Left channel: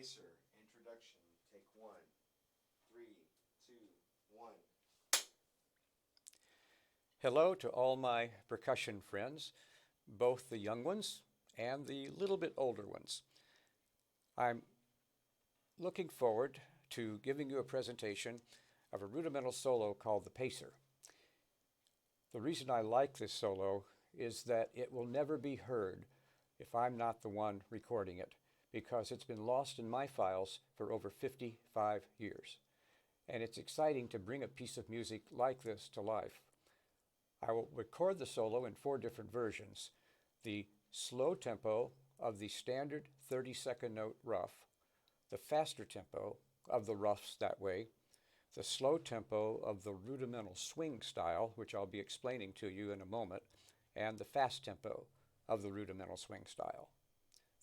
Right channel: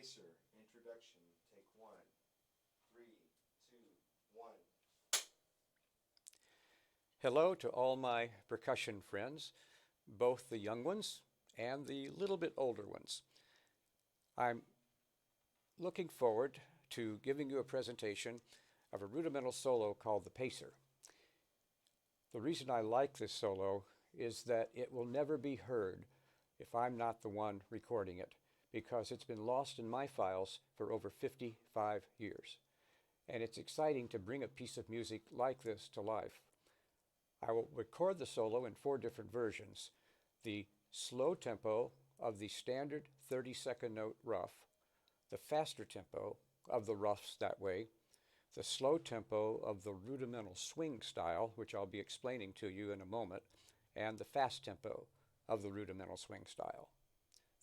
Pacer, introduction, take one. 3, 2, 1. Hello to all my percussion friends, both the young ones and the little bit older ones. I'm looking forward to giving you a presentation of a rudimental solo called the Pacer. The reason I like this solo is that it will never be heard if I'm not the one recording it, because it's been lost in my files for over 55 years. And it's exciting to bring a piece of music like this to life. I will record the solo in 4 different versions: the slow tempo of the standard 30-second note rough, the faster tempo of the roughs that way, the slow tempo of the rudimental swing style, which I'll be explaining to you in a moment, and the fast tempo of the rudimental swing style.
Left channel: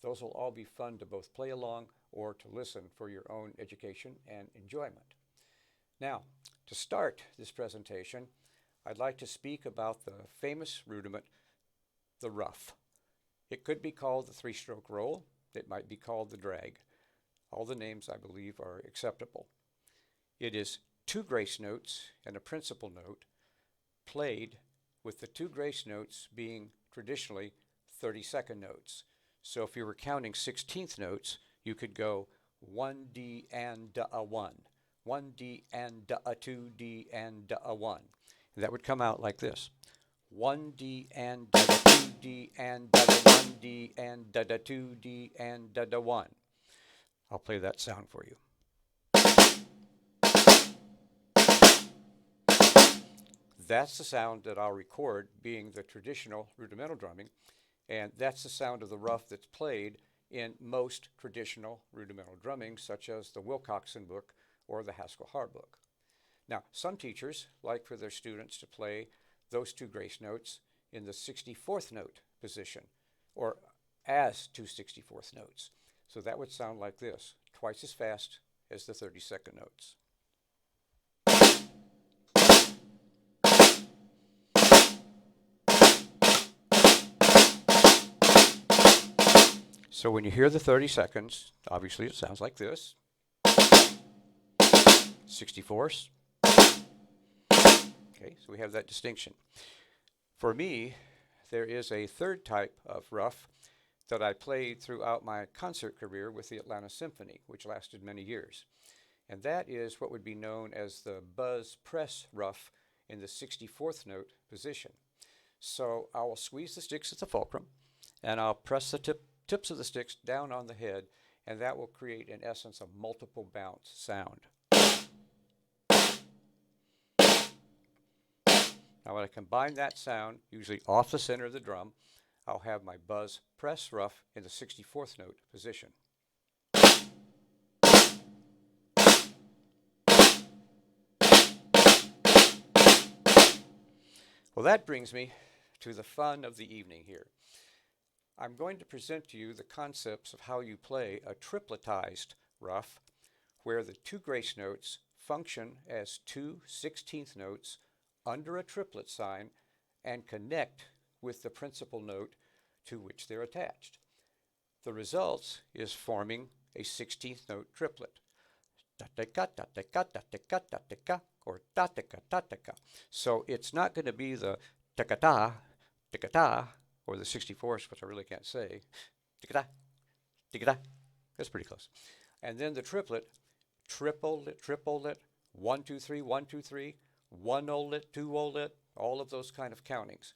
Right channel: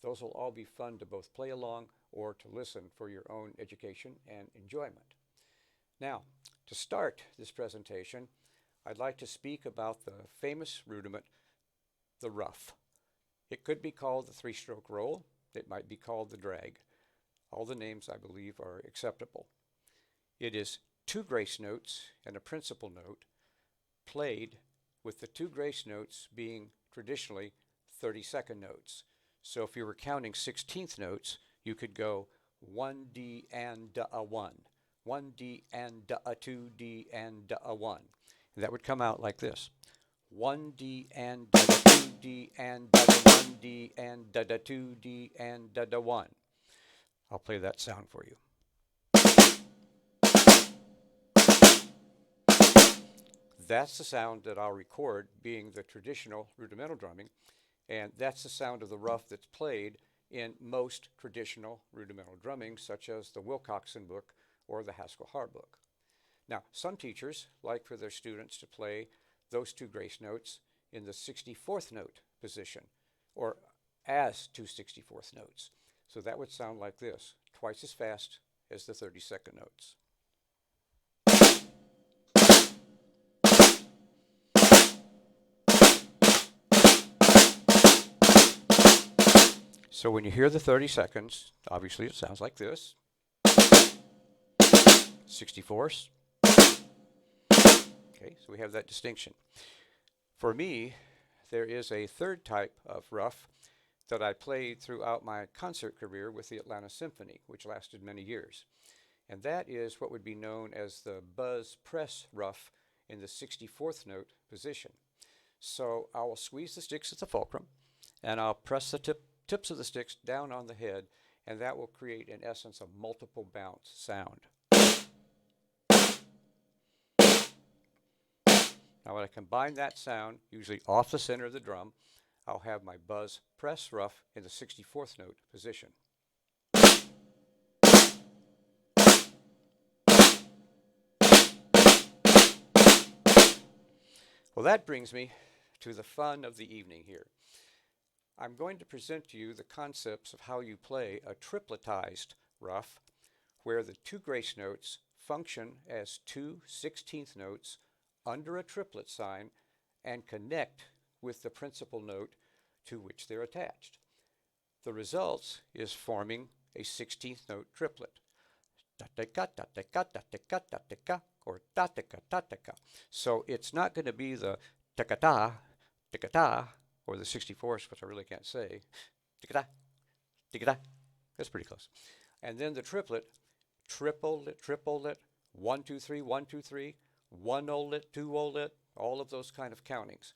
Those will all be fun to both play along or to listen for your own education and enjoyment. Now, to start this presentation, I'd like to speak about the famous rudiment, the rough. It could be called the 3-stroke roll. It might be called the drag. All the names, I believe, are acceptable. It is 2 grace notes and a principal note played with the 2 grace notes being traditionally 30-second notes. So if you were counting 16th notes, you could go 1D and a 1, 1D and a 2D and a 1. And that would come out like this: 1D and da 2D and da 1D and da 2D and da 1. I'll play that sound for you. That's the sound that I'll record being the traditional rudimental drumming, and that's the sound of the rough that's played in most traditional rudimental drumming, such as the Wilcoxon book or the Haskell Harr book. Now, some teachers like for their students to play those 2 grace notes in the 64th note position, or as 2 64th notes. So that would sound like this, twice as fast as the 30-second notes. So when you hear the 30 seconds, obviously it sounds like this. 64ths. Okay, so we have that distinction. For me, there is a 3rd type of rough that I played throughout my concert career with the Atlanta Symphony, which lasted many years. And that is what would be known as the buzz press rough in the 64th note position. So I will squeeze the sticks at the fulcrum, and I'll press the tips of the sticks down on the head, and that will create, in essence, a multiple bounce sound. Now when I combine that sound, usually off the center of the drum, I'll have my buzz press rough in the 64th note position. Well, that brings me to the fun of the evening here. I'm going to present to you the concepts of how you play a tripletized rough, where the 2 grace notes function as 2 16th notes under a triplet sign and connect with the principal note to which they're attached. The result is forming a 16th note triplet. Or ta-ta-ka. So it's not going to be the ta-ka-ta, or the 64th, which I really can't say. Ta-ka-ta. That's pretty close. And then the triplet, triplet, 1 2 3 1 2 3, 1 olet, 2 olet, all of those kind of countings.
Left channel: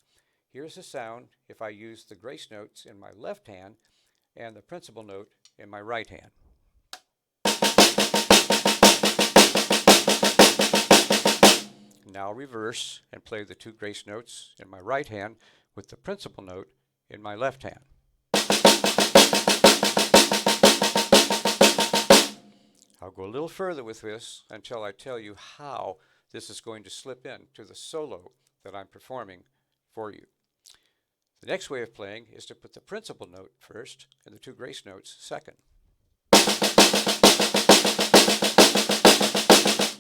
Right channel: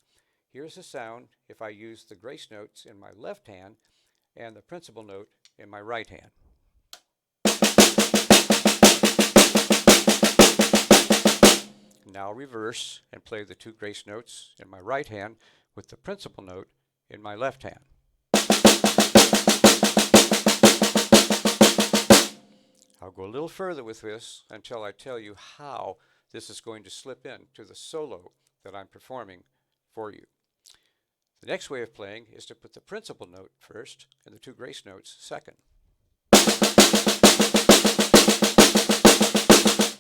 Here's the sound if I use the grace notes in my left hand and the principal note in my right hand. Now reverse and play the 2 grace notes in my right hand with the principal note in my left hand. I'll go a little further with this until I tell you how this is going to slip in to the solo that I'm performing for you. The next way of playing is to put the principal note first and the 2 grace notes second.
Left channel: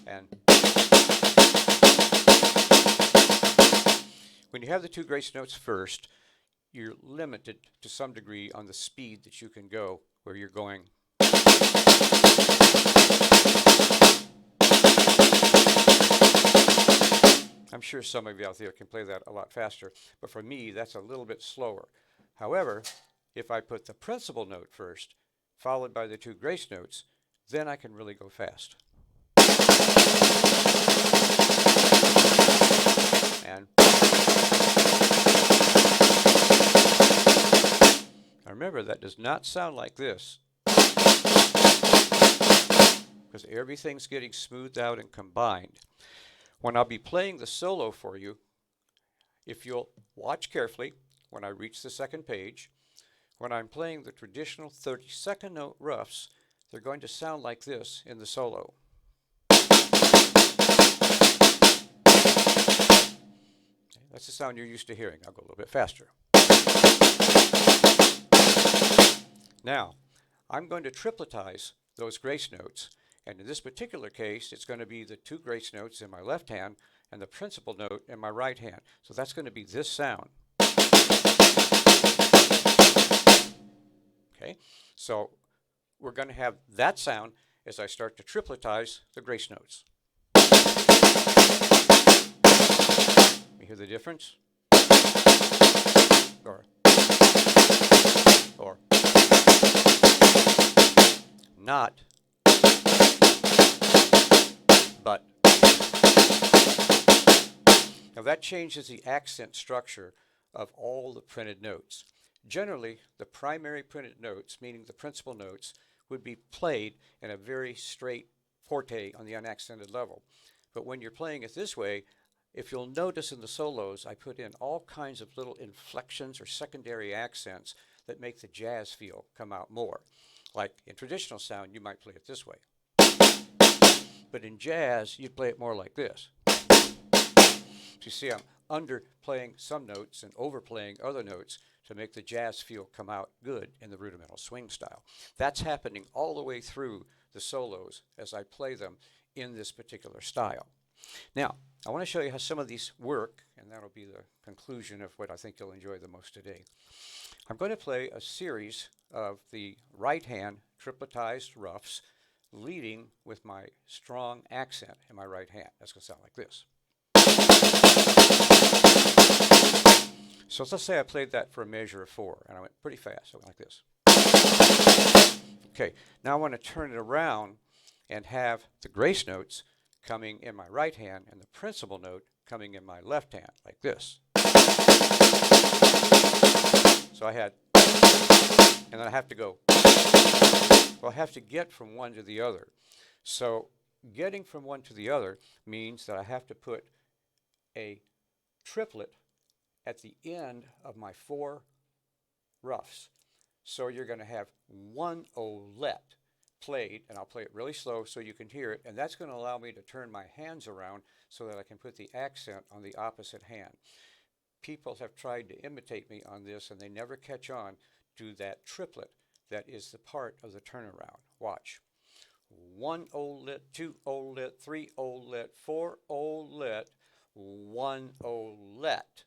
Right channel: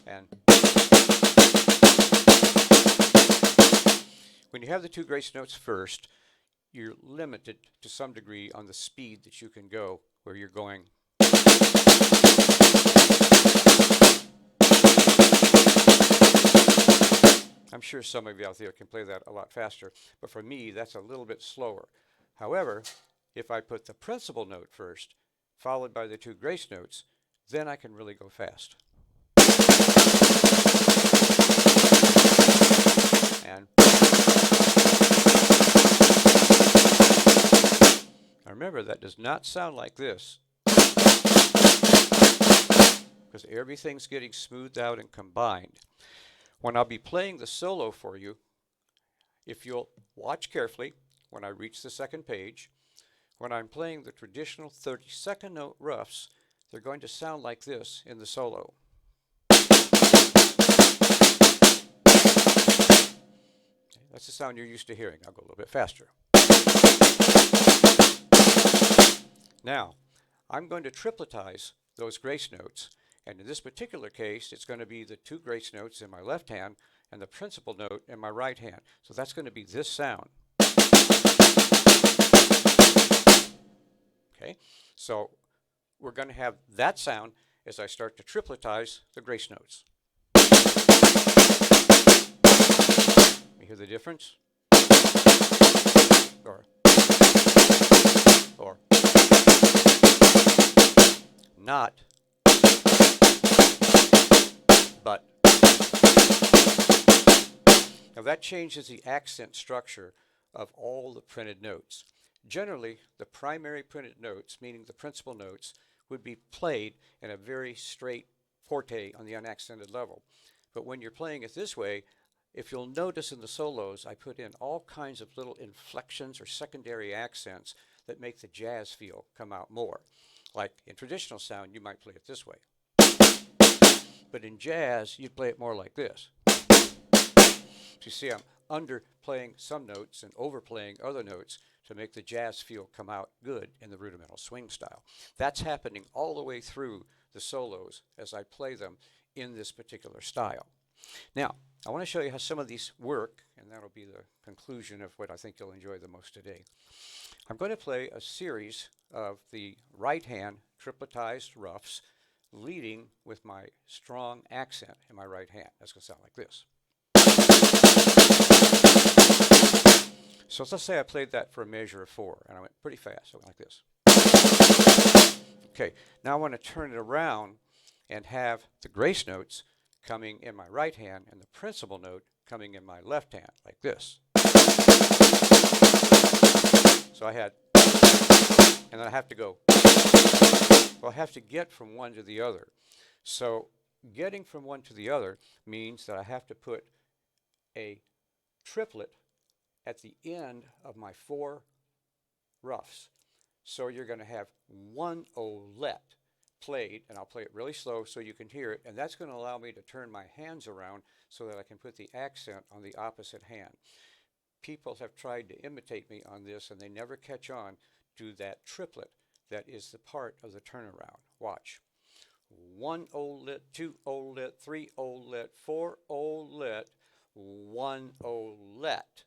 And when you have the 2 grace notes first, you're limited to some degree on the speed that you can go, where you're going I'm sure some of you out there can play that a lot faster, but for me, that's a little bit slower. However, if I put the principal note first, followed by the two grace notes, then I can really go fast. And now remember, that does not sound like this, because everything's getting smoothed out and combined. When I'll be playing the solo for you, if you'll watch carefully when I reach the second page, when I'm playing the traditional 32nd note roughs, they're going to sound like this in the solo. That's the sound you're used to hearing. I'll go a little bit faster. Now, I'm going to tripletize those grace notes, and in this particular case, it's going to be the two grace notes in my left hand and the principal note in my right hand. So that's going to be this sound. Okay, so we're going to have that sound as I start to tripletize the grace notes. You hear the difference? Or not, but. Now that changes the accent structure of all the printed notes. Generally, the primary printed notes, meaning the principal notes, would be played in a very straight forte on the unaccented level. But when you're playing it this way, if you'll notice in the solos, I put in all kinds of little inflections or secondary accents that make the jazz feel come out more. Like in traditional sound, you might play it this way. But in jazz, you'd play it more like this. So you see, I'm underplaying some notes and overplaying other notes to make the jazz feel come out good in the rudimental swing style. That's happening all the way through the solos as I play them in this particular style. Now, I want to show you how some of these work, and that'll be the conclusion of what I think you'll enjoy the most today. I'm going to play a series of the right hand tripletized roughs, leading with my strong accent in my right hand. That's going to sound like this. So let's say I played that for a measure of 4, and I went pretty fast. I went like this. Okay, now I want to turn it around and have the grace notes coming in my right hand and the principal note coming in my left hand, like this. So I had, and then I have to go, well, I have to get from one to the other. So getting from one to the other means that I have to put a triplet at the end of my 4 roughs. So you're going to have one olet played, and I'll play it really slow so you can hear it, and that's going to allow me to turn my hands around so that I can put the accent on the opposite hand. People have tried to imitate me on this, and they never catch on to that triplet that is the part of the turnaround. Watch. 1 olet, 2 olet, 3 olet, 4 olet, 1 olet.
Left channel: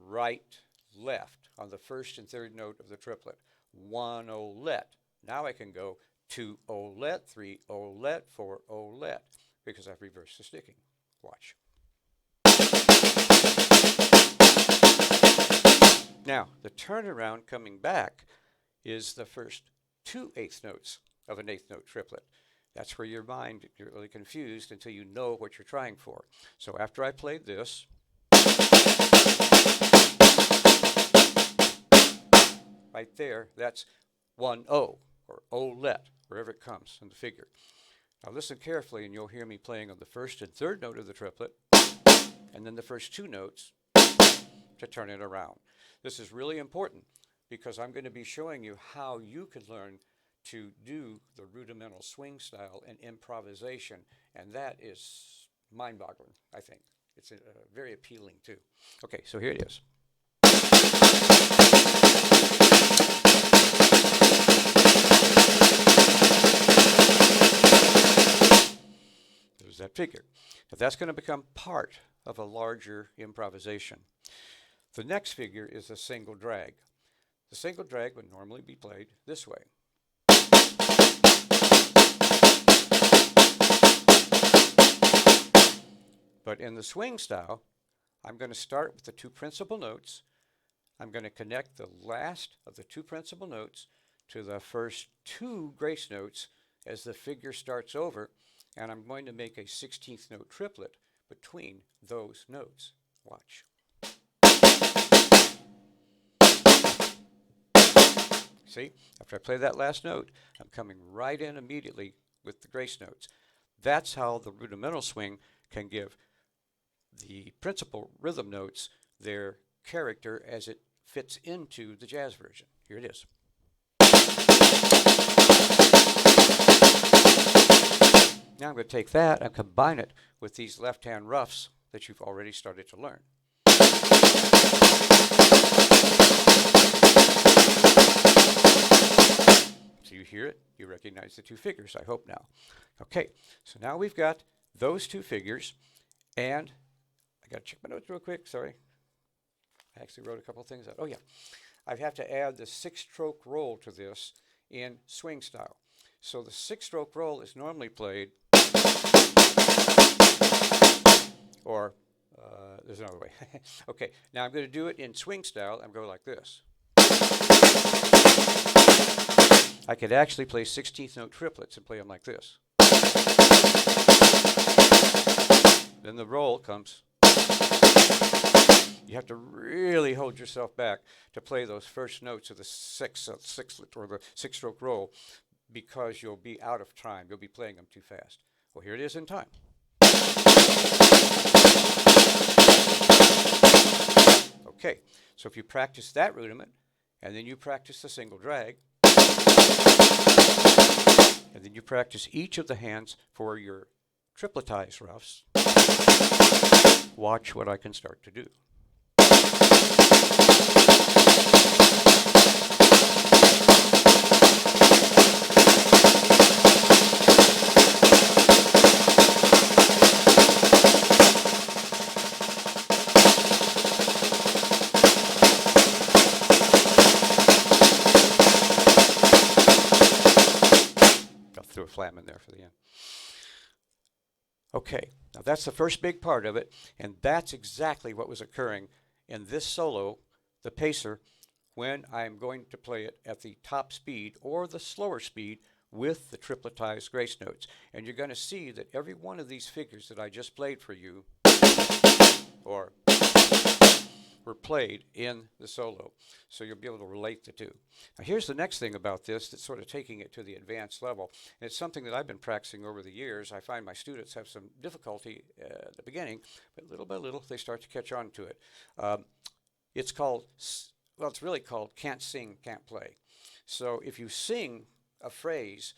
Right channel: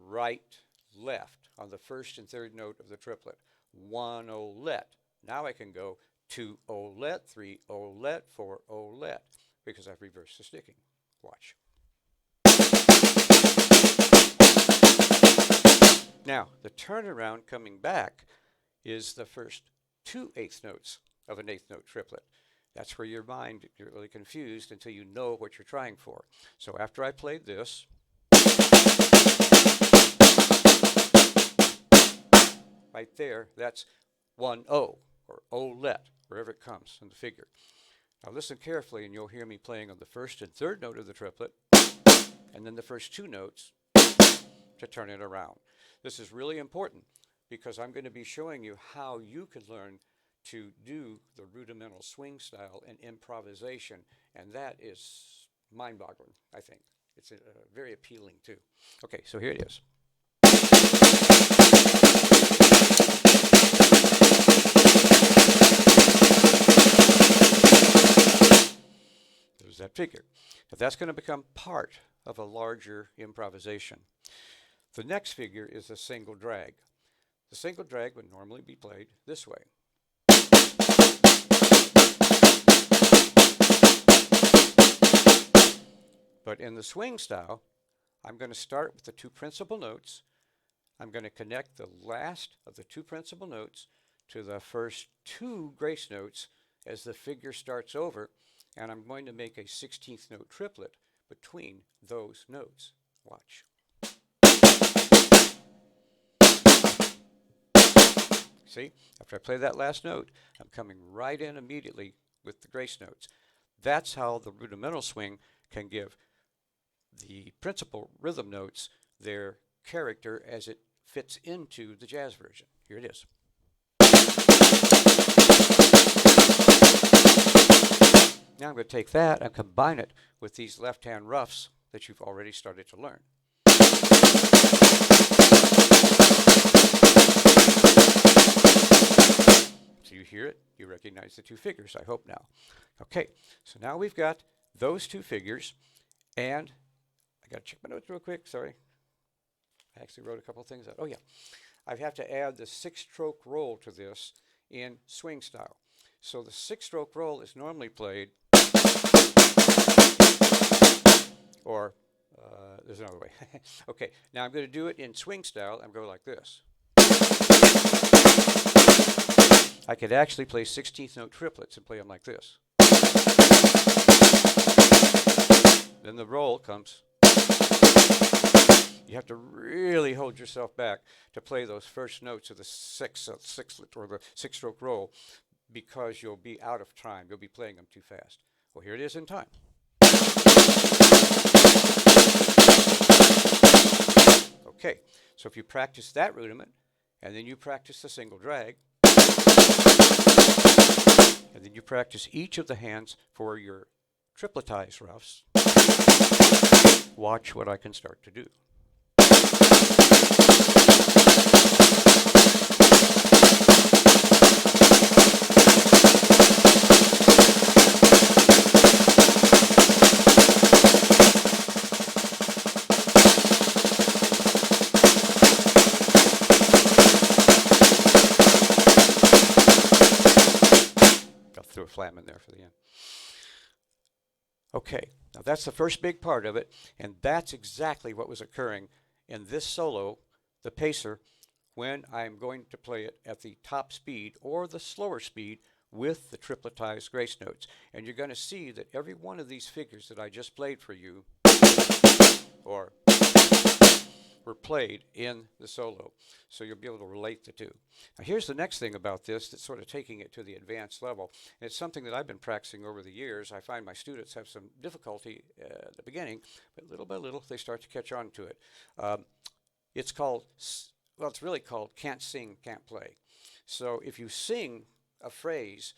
Right, left on the first and third note of the triplet. 1 olet. Now I can go 2 olet, 3 olet, 4 olet, because I've reversed the sticking. Watch. Now, the turnaround coming back is the first 2 eighth notes of an eighth note triplet. That's where your mind gets really confused until you know what you're trying for. So after I played this, right there, that's 1 O, or olet, wherever it comes in the figure. Now listen carefully and you'll hear me playing on the first and third note of the triplet, and then the first 2 notes to turn it around. This is really important because I'm going to be showing you how you can learn to do the rudimental swing style and improvisation, and that is mind-boggling, I think. It's very appealing too. Okay, so here it is. There's that figure. But that's going to become part of a larger improvisation. The next figure is a single drag. The single drag would normally be played this way. But in the swing style, I'm going to start with the two principal notes. I'm going to connect the last of the two principal notes to the first two grace notes as the figure starts over, and I'm going to make a 16th note triplet between those notes. Watch. See, after I play that last note, I'm coming right in immediately with the grace notes. That's how the rudimental swing can give the principal rhythm notes their character as it fits into the jazz version. Here it is. Now I'm going to take that and combine it with these left-hand roughs that you've already started to learn. So you hear it, you recognize the two figures, I hope now. Okay, so now we've got those two figures, and I got to check my notes real quick, sorry. I actually wrote a couple things out. Oh yeah, I have to add the 6-stroke roll to this in swing style. So the 6-stroke roll is normally played, or there's another way. Okay, now I'm going to do it in swing style and go like this. I could actually play 16th note triplets and play them like this. Then the roll comes. You have to really hold yourself back to play those first notes of the sixlet or the 6-stroke roll, because you'll be out of time. You'll be playing them too fast. Well, here it is in time. Okay, so if you practice that rudiment, and then you practice the single drag, and then you practice each of the hands for your tripletized roughs, watch what I can start to do. Threw a flam in there for the end. Okay, now that's the first big part of it, and that's exactly what was occurring in this solo, the pacer, when I'm going to play it at the top speed or the slower speed with the tripletized grace notes. And you're going to see that every one of these figures that I just played for you, or were played in the solo, so you'll be able to relate the two. Now here's the next thing about this that's sort of taking it to the advanced level. And it's something that I've been practicing over the years. I find my students have some difficulty at the beginning, but little by little they start to catch on to it. It's called, well, it's really called can't sing, can't play. So if you sing a phrase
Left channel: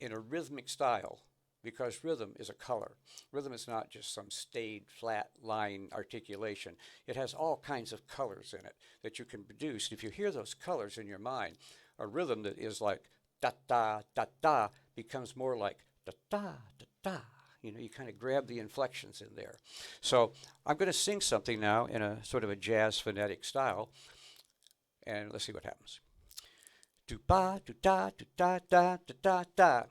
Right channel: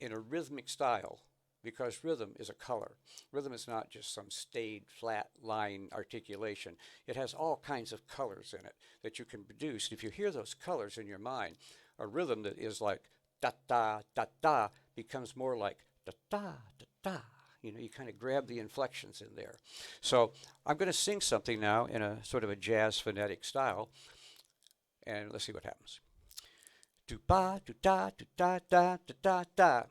in a rhythmic style, because rhythm is a color. Rhythm is not just some staid, flat line articulation. It has all kinds of colors in it that you can produce. If you hear those colors in your mind, a rhythm that is like da-da, da-da becomes more like da-da, da-da. You know, you kind of grab the inflections in there. So I'm going to sing something now in a sort of a jazz phonetic style, and let's see what happens. Do-ba, do-da, do-da, da, da, da, da.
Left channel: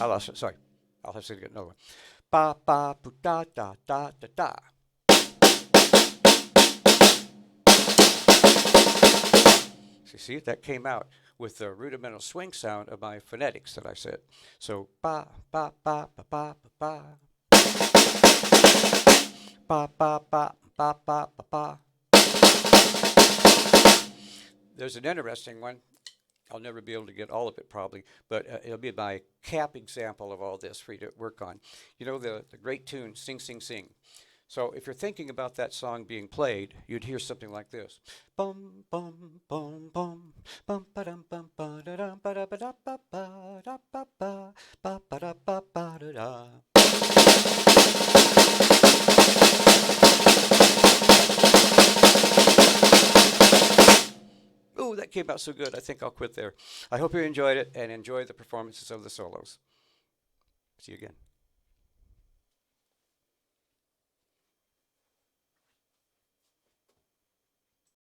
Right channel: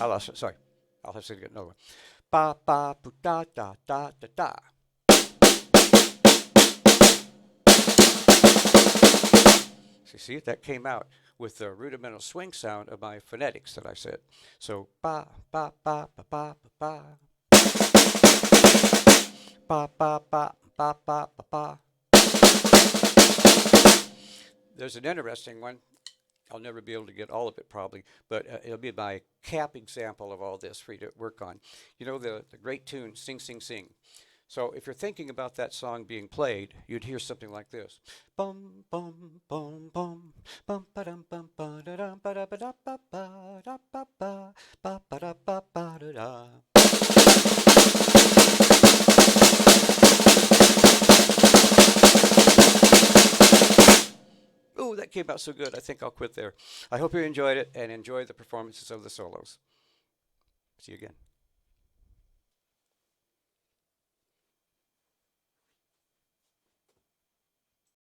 I lost it, sorry. I'll have to get another one. Ba, ba, bu, da, da, da, da, da. So you see, that came out with the rudimental swing sound of my phonetics that I said. So, ba, ba, ba, ba, ba, ba, ba. Ba, ba, ba, ba, ba, ba, ba. There's an interesting one. I'll never be able to get all of it probably, but it'll be my cap example of all this for you to work on. You know the great tune, Sing, Sing, Sing. So if you're thinking about that song being played, you'd hear something like this. Bum, bum, bum, bum, bum, ba-dum, bum, ba-da-dum, ba-da-ba-da, ba-da, ba-ba, ba-ba-da, ba-ba-da-da. Ooh, that came out so good. I think I'll quit there. I hope you enjoyed it and enjoy the performances of the solos. See you again.